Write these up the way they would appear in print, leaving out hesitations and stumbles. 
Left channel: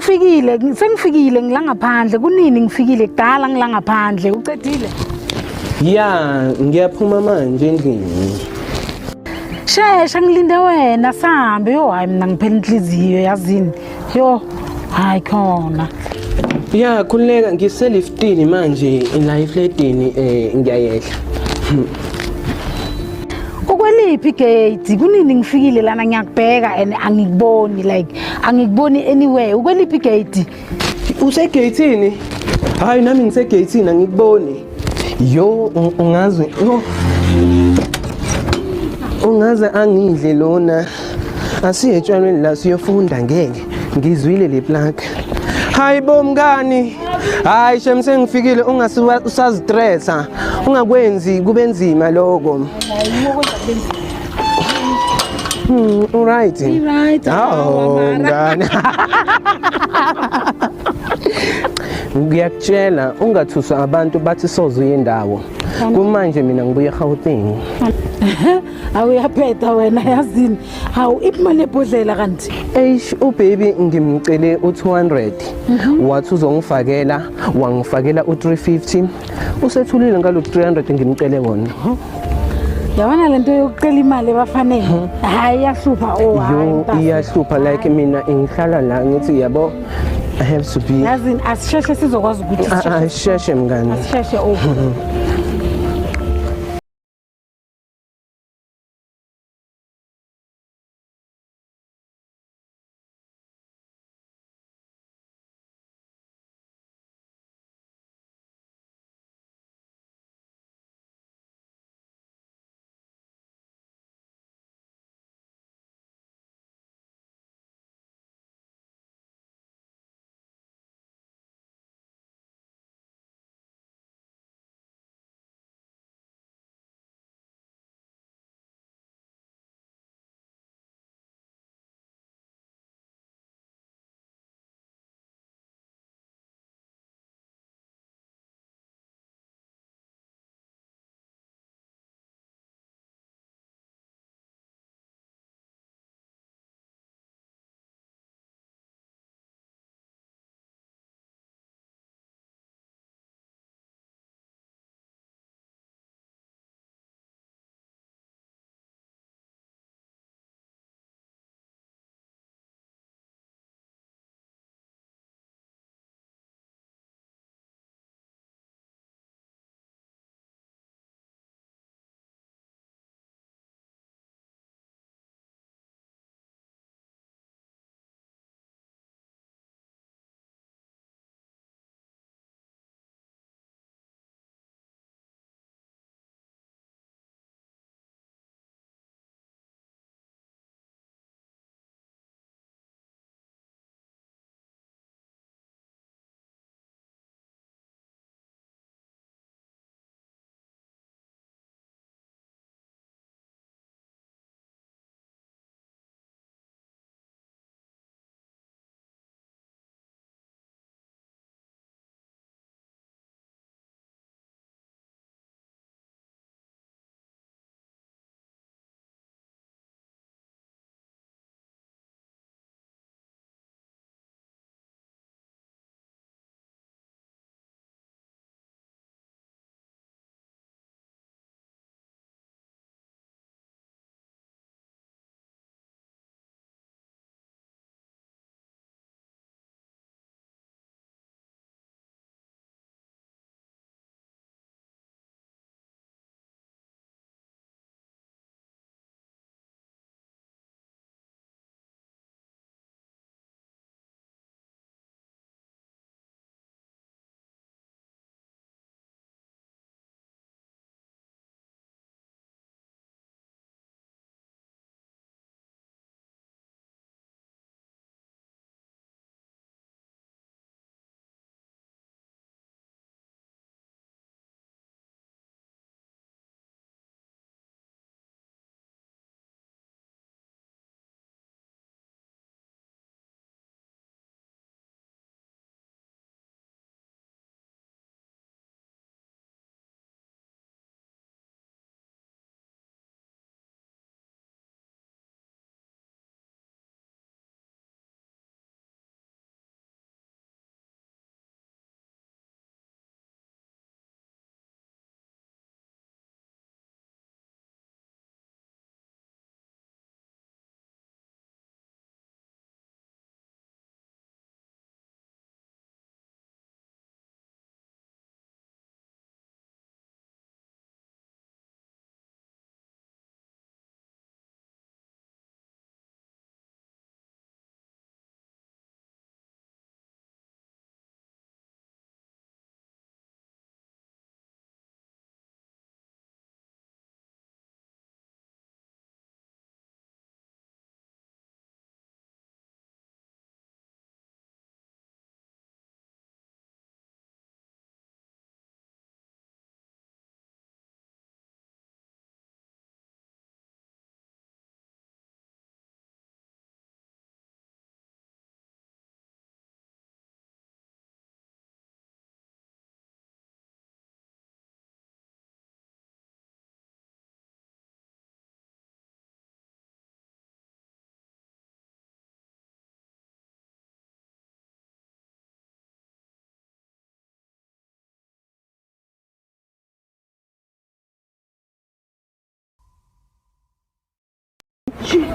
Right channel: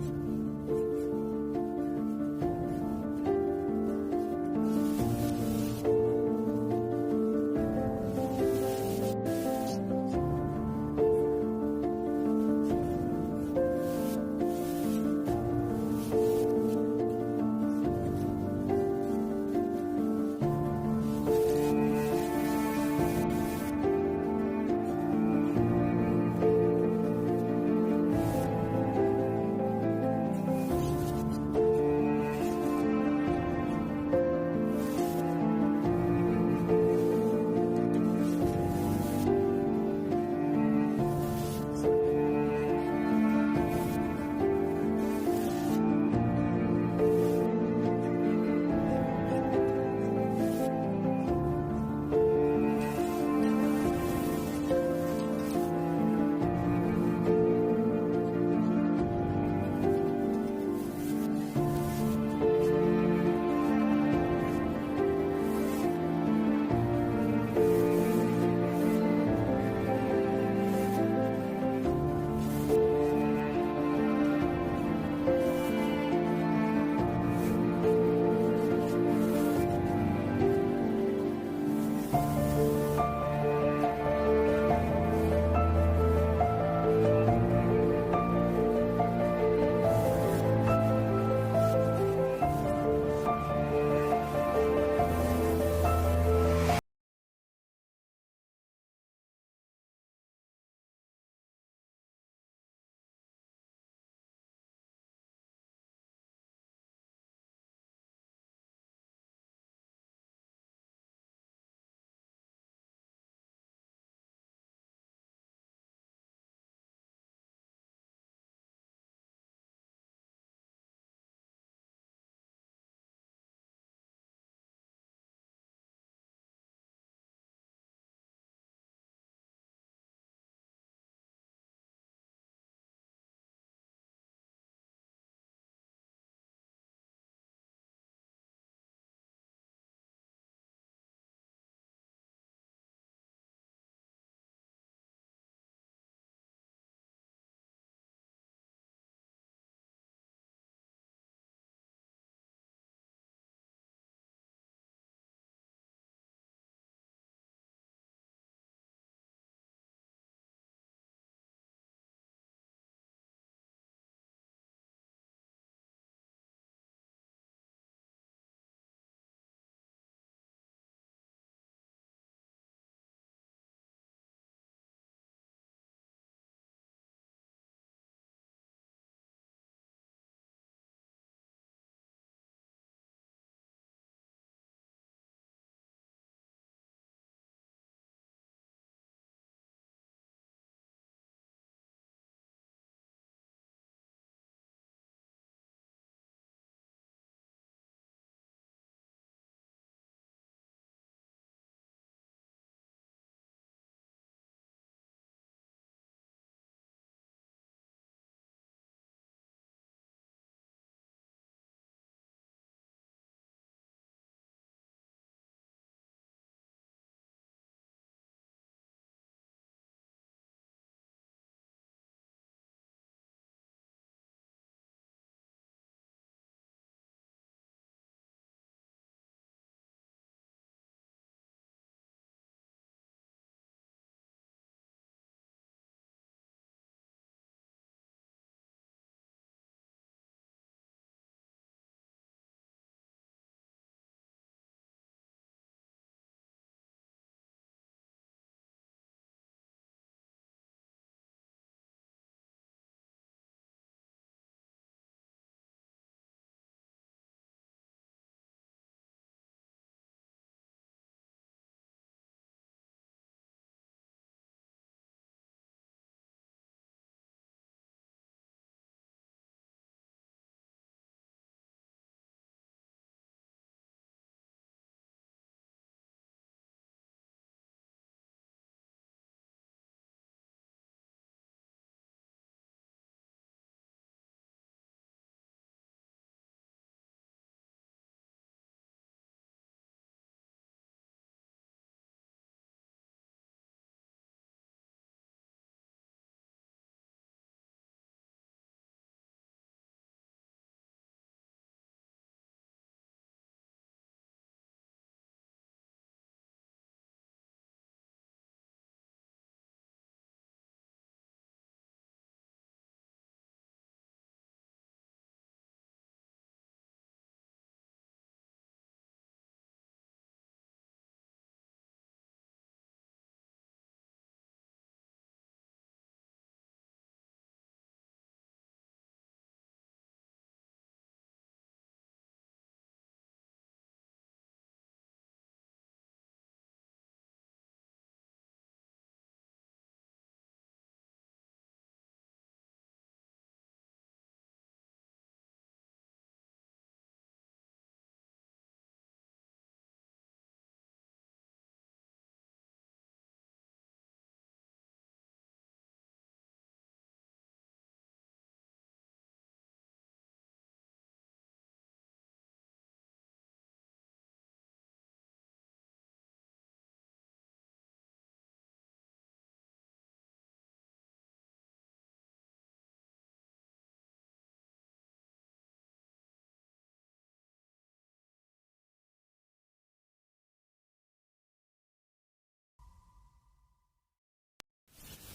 Ufikile, sengifikile ngila ngaphandle. Kunini ngifikile kudala ngila ngaphandle. Ucedile? Ya, ngiyaphuma manje endlini. Shesha ngilinde wena sambe. Yo hayi mina ngiphela inhliziyo yazini. Yo hayi khona. Ya, khuleka ngiseliftini manje la eflatini ngiyayehla. Ukweliphi igate? Kunini ngifikile lana ngiyakubheka and angikuboni angikuboni anywhere. Ukweliphi igate? Usegate-ini? Hayi nami ngisegate-ini angikuboni. Yo, ungaze ungaze angidle lona. Asiye etshwalweni la siyofunda ngeke. Ngizwile le plug. Hayi bomngani. Hayi shem sengifikile usazistressa. Ungakwenzi kube nzima lokho. Alright. Right. Oh, ngani. Ngiyakutshela ungathuswa abantu bathi soze uyendawo. Kumanje mina ngibuye eGauteng. Awuyaphetha wena yazini. Hawu imali ebhodlela kanti. Eish ubaby ngimcele u200. Wathi uzongifakela, wangifakela u350. Usethulile ngalo 300 ngimcele wona. Yabona lento yokucela imali ebafanele. Hayi yahlupha Yo iyahlupha like mina ngihlala la ngithi yabo I have to be. Yazini asisheshe sizokwazi ukuthi Sheshe mngani. asisheshe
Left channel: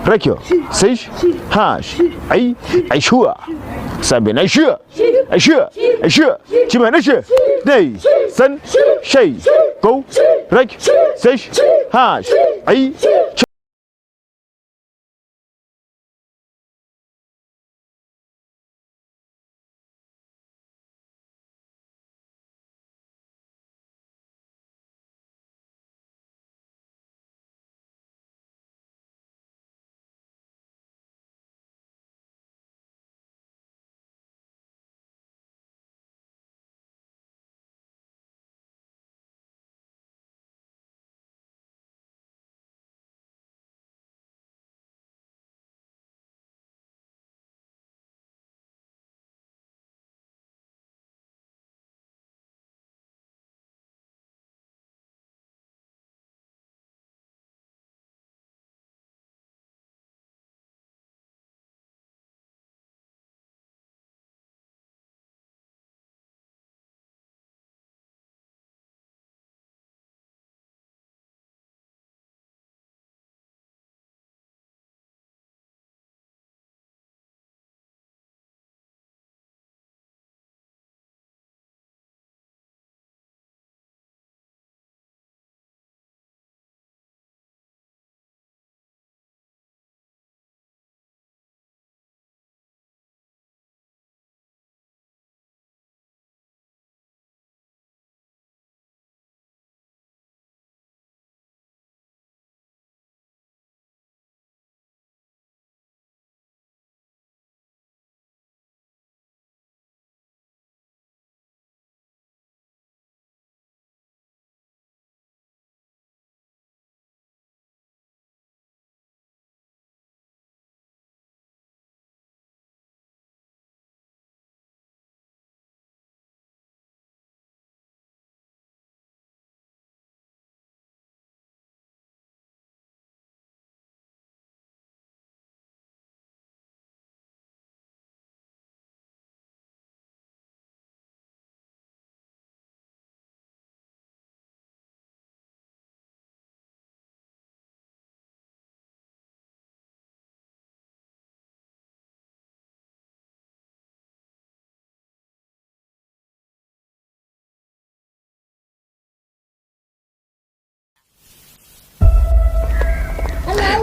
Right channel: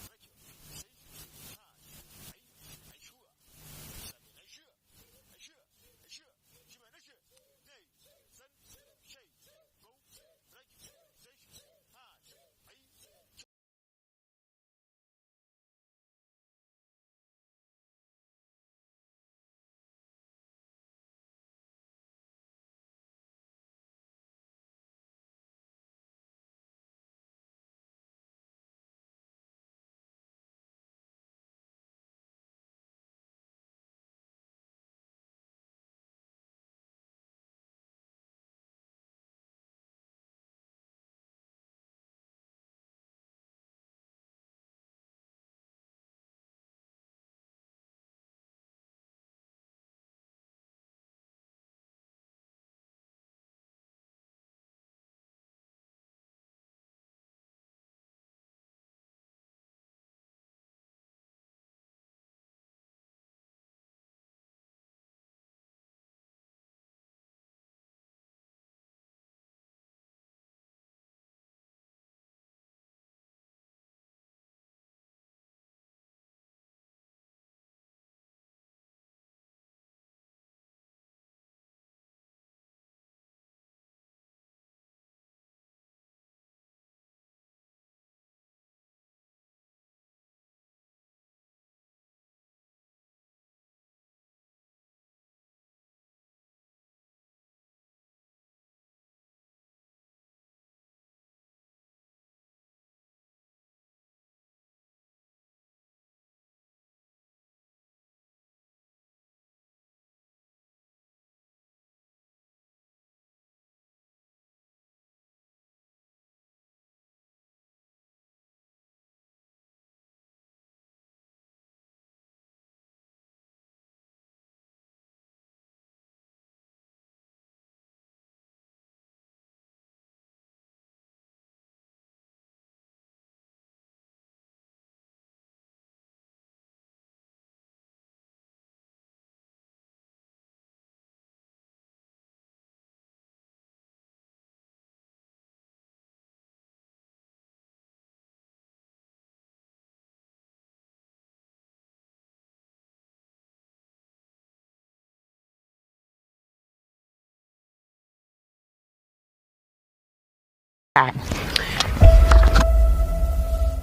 Rekyo, 6, hash, ai shua. Sabi na shua. Chima na shua. Nei, san, shay, go, rek, 6, hash, ai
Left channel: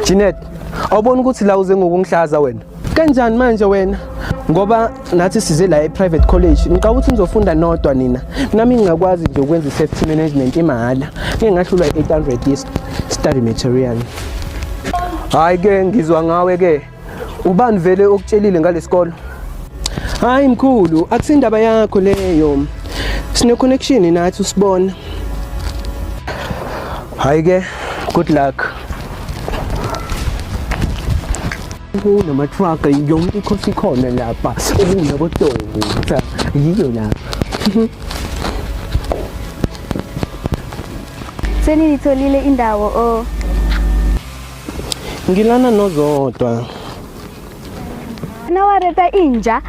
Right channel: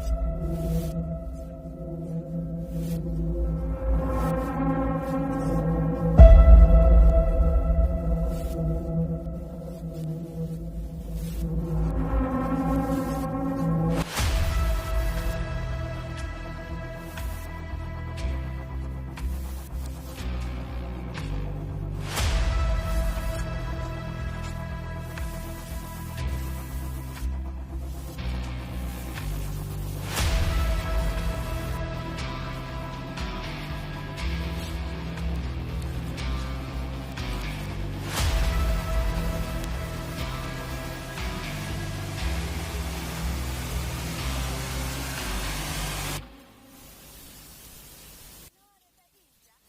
Jeanette, awubona ukuthi la uze ngokungihlaza wena? Kanjani manje wena? Ngoba nathi size la e-private college, ngicabanga ukuthi nizofunda nodwa nina. Nami ngingakwazi nje ukwenza i-safety management imahhala. Ngeke ngahlulwa i-800 ye-study material. Hayi ke ngizwa ngawe ke. Ubani vele okutshelile ngalesikolo? Hayi mkhulu, akusindaba yakho leyo. Sine connection nathi usibona. Hayi ke, good luck. Namatruck yonke ikhosi ikhona lapha okunaboDonsa yiyo la. Seniyitholile indawo Ngilana nozodwa. nawareta inja.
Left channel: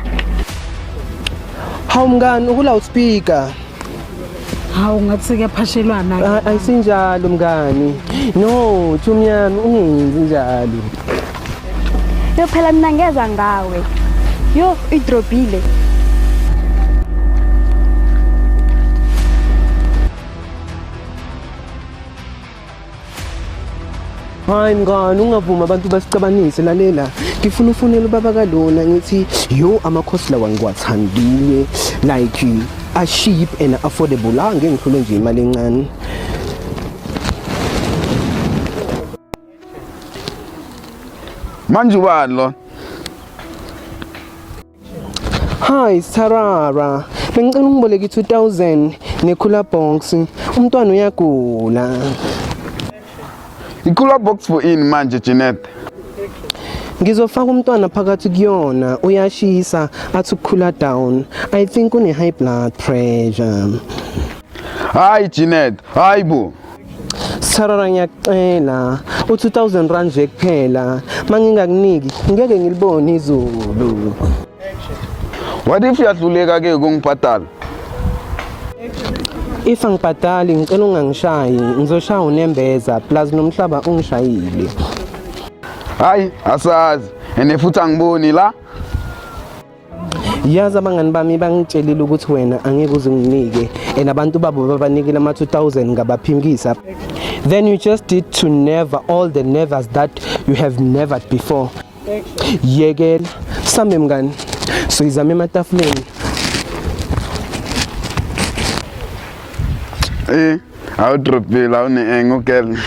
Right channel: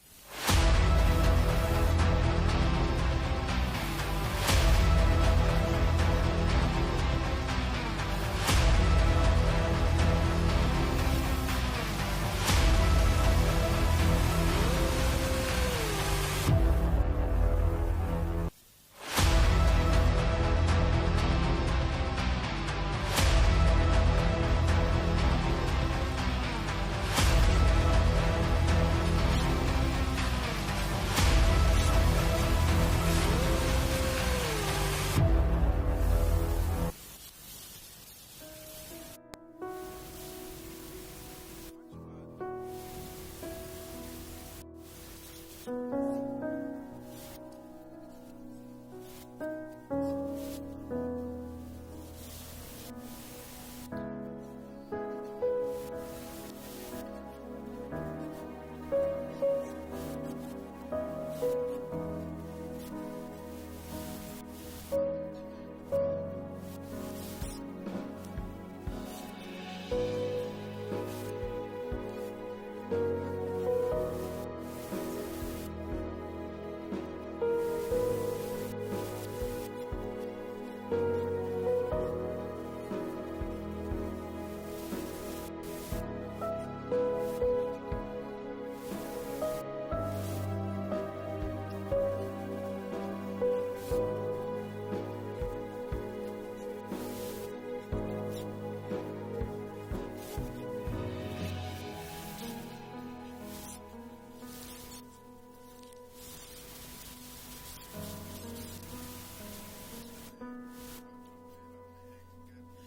Hawu mngani uku-loudspeaker. Hawu ngathi kuyaphashelwana. Ayisinjalo mngani. No, Thumyami ungenzi njalo. Yo phela mina ngeza ngawe. Yo idrobile. Hayi mngani ungavuma abantu basicabanise lalela. Ngifuna ufunele ubaba kalona ngithi yo amakhosi lawa ngiwathandile like a cheap and affordable. Ngeke ngifune nje imali encane. manje ubani lo? Hi Sarara, bengicela ungiboleke 2000 nekhula box. Umntwana uyagula. Ikula box for in manje Jeanette. Ngizofaka umntwana phakathi kuyona, uyashisa athi ukukhula down. I think une high blood pressure. Hayi Jeanette, hayi bo. Sarara ngiyacela, u2000 rand nje kuphela. Mangingakuniki, ngeke ngilibone izulu. What if yahluleka ke ukungibhadala? If angibhadali ngicela ungangishayi, ngizoshaya unembeza plus nomhlaba ungishayile. Hayi, asazi. Ene futhi angiboni la. Yazi abangani bami bangitshelile ukuthi wena angeke uze unginike and abantu babo babanikile ama 2000 ngabaphimkisa. Then you just need to never all the nevers that you have never before. Yekela same mngani. So izame ematafuleni. Awudropile awune ngugel.